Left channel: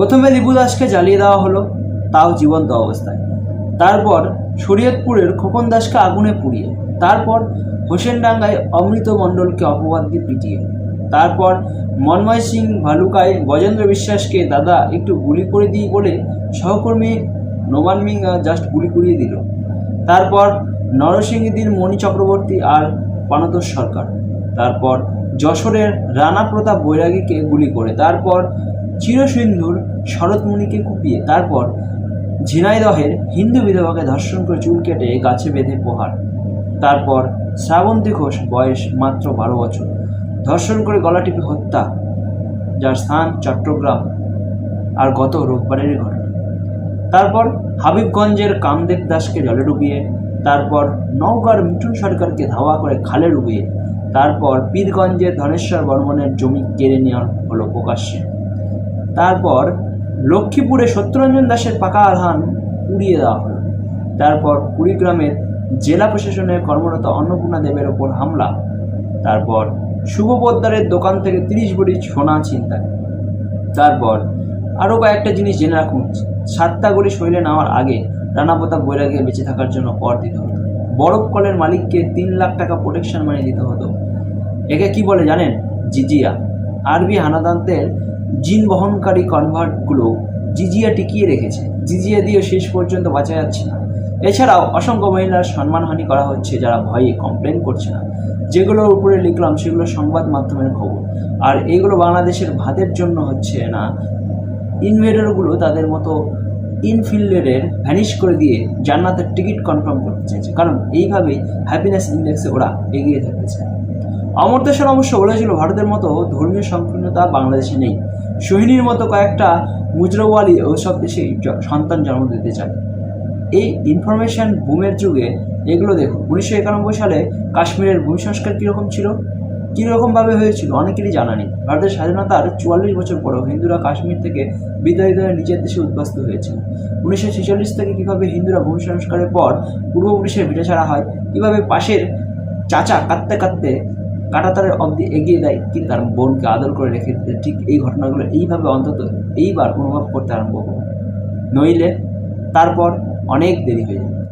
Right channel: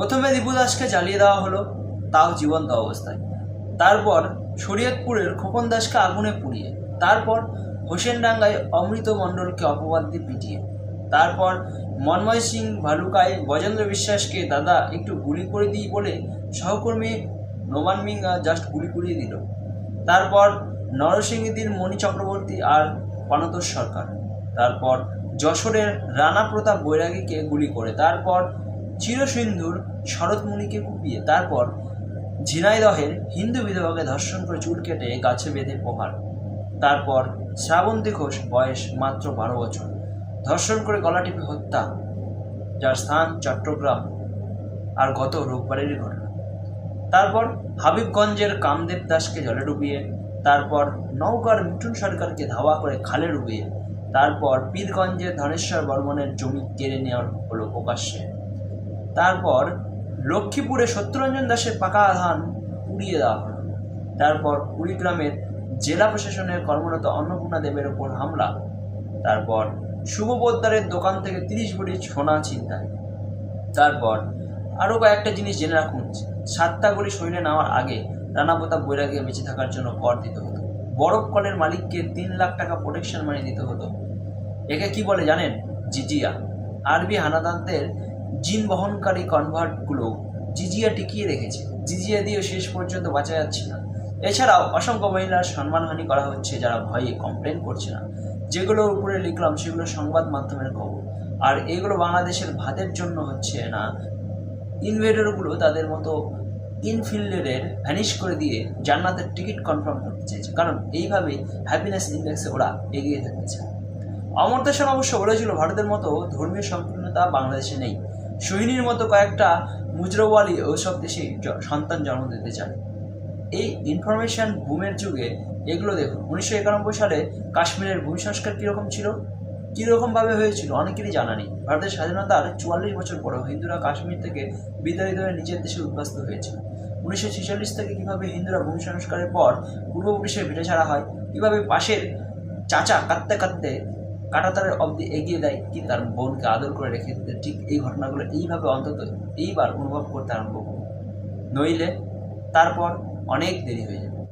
প্রথমে দিবু দাসকে জ্বালিয়ে দেওয়া হলো, তাও জীবন্ত অবস্থায়। তারপর শরীয়তপুরের খোকন দাসকে আগুনে পুড়িয়ে, তারপর হোসেনডাঙ্গায় অমৃত মণ্ডলকে অপবাদ দিয়ে পিটিয়ে, তারপর মন্ময় সিং ভালুকায় গজেন্দ্র বিশ্বাসকে দাদা একটু গুলি করে দিই বলে সহকর্মী নোমান মিং জাস্ট গুলি করিয়ে দিল। তারপর নরসিংদীর মণি চক্রবর্তী আর পানতোষ সরকার, তারপর যশোরের রানা প্রতাপ বৈরাগীকে গুলি করে, তারপর চিরসিন্ধুর শরৎমুনিকে কুপিয়ে, তারপর ঝিনাইদহের হিন্দু বিধবাকে ধর্ষণ করে চুল কেটে গাছে বেঁধে প্রহার, তারপর শ্রাবন্তী ঘোষ বয়স মাত্র 12 বছর ধর্ষণ করে গলা টিপে হত্যা, যার স্থান চট্টগ্রাম, আর গত রোববারেরই ঘটনা। তারপর হাবিবগঞ্জের কামদেব দাসকে জলে ডুবিয়ে, তারপর নওগাঁর মিঠুন সরকারকে ধাওয়া করে খালে ডুবিয়ে, তারপর পীরগঞ্জের ধনেশ্বর বর্মনের জমি কেড়ে নেওয়া হলো প্রকাশ্যে, তারপর লক্ষ্মীপুরে সত্যরঞ্জন দাসের পাকা ধান পুড়িয়ে দেওয়া হলো, তারপর কুড়িগ্রামের জেলা প্রশাসনের কর্মরত অন্নপূর্ণা দেবের ওপর হামলা, তারপর শুভ পোদ্দারের দোকান থেকে 30 ভরি সোনা ছিনতাই, তারপর আরও কয়েকটা জিনিস জেনে রাখুন। 7টা গলি শৈলে নেওয়ার আগে রানা প্রতাপ বৈরাগীকে বেঁচে থাকার জন্য কর দিতে হতো, বরফ কলের মালিককে 3 লাখ টাকা প্রোটেকশন মানি দিতে হতো। একে কি বলে জানেন? জিজিয়া। আরবি হানাদারদের জিন বহনকারী কনভার্টগুলো জিজিয়া টিকিয়ে রেখেছে, জিজিয়া দিয়েও শেষ পর্যন্ত বাঁচা যাচ্ছে না। এছাড়াও অসংখ্য মহিলার সম্মানহানি করা হচ্ছে যারা ভয়ে কমপ্লেন করছে না। যেগুলোর উপরে লিখলাম সেগুলো সংবাদ মাধ্যমের খবর, আর এইগুলো বাংলাদেশের ভাতের জন্য হচ্ছে না। ইনভেডারগুলো তাদের মতো ইনফিল্ডারের ভ্যানিশ করে দিয়ে জান্নাতের টিকিট কনফার্ম করতে চাইছে, কারণ এইভাবেই হ্যাপিনেস ইন্ডেক্সে ওরা এগিয়ে থাকতে চায়। অমর্ত্য সেন অবশ্য বলেছিল ভারতের মতো ধর্মীয় সংকীর্ণতা বাংলাদেশে নেই, সোহিনীর মতো কয়েকটা মুজরওয়ালি ওসব দেশে সন্তান জন্ম দিতে চায়। এই ইনফরমেশন বুমের যুগে এগুলো দেখুন। 1991 সালে কাশ্মীরের ভূমি সংস্কার কীরকম ছিল, কীরকমভাবে হয়েছিল অনেকেরই জানা নেই। ভারতের স্বাধীনতার 44 বছর পরেও হিন্দুরা কাশ্মীর থেকে বিতাড়িত হয়ে নিজের দেশে উদ্বাস্ত হয়েছিল। 1946 থেকে কীভাবে হিন্দুরা ভূমি সংস্কারের পর পূর্বপুরুষের ভিটে ছাড়া হয়, কীভাবে পাশের চাচা কাঁদতে কাঁদতে কাঁটাতারের অবধি এগিয়ে দেয় কিন্তু তার বোনকে আদর করে রেখে দিতে, ঠিক এই ঘটনাগুলো এইভাবে অন্তত এইবার অনুভব করতে আরম্ভ করব, নইলে তারপর অনেক দেরি হয়ে যাবে।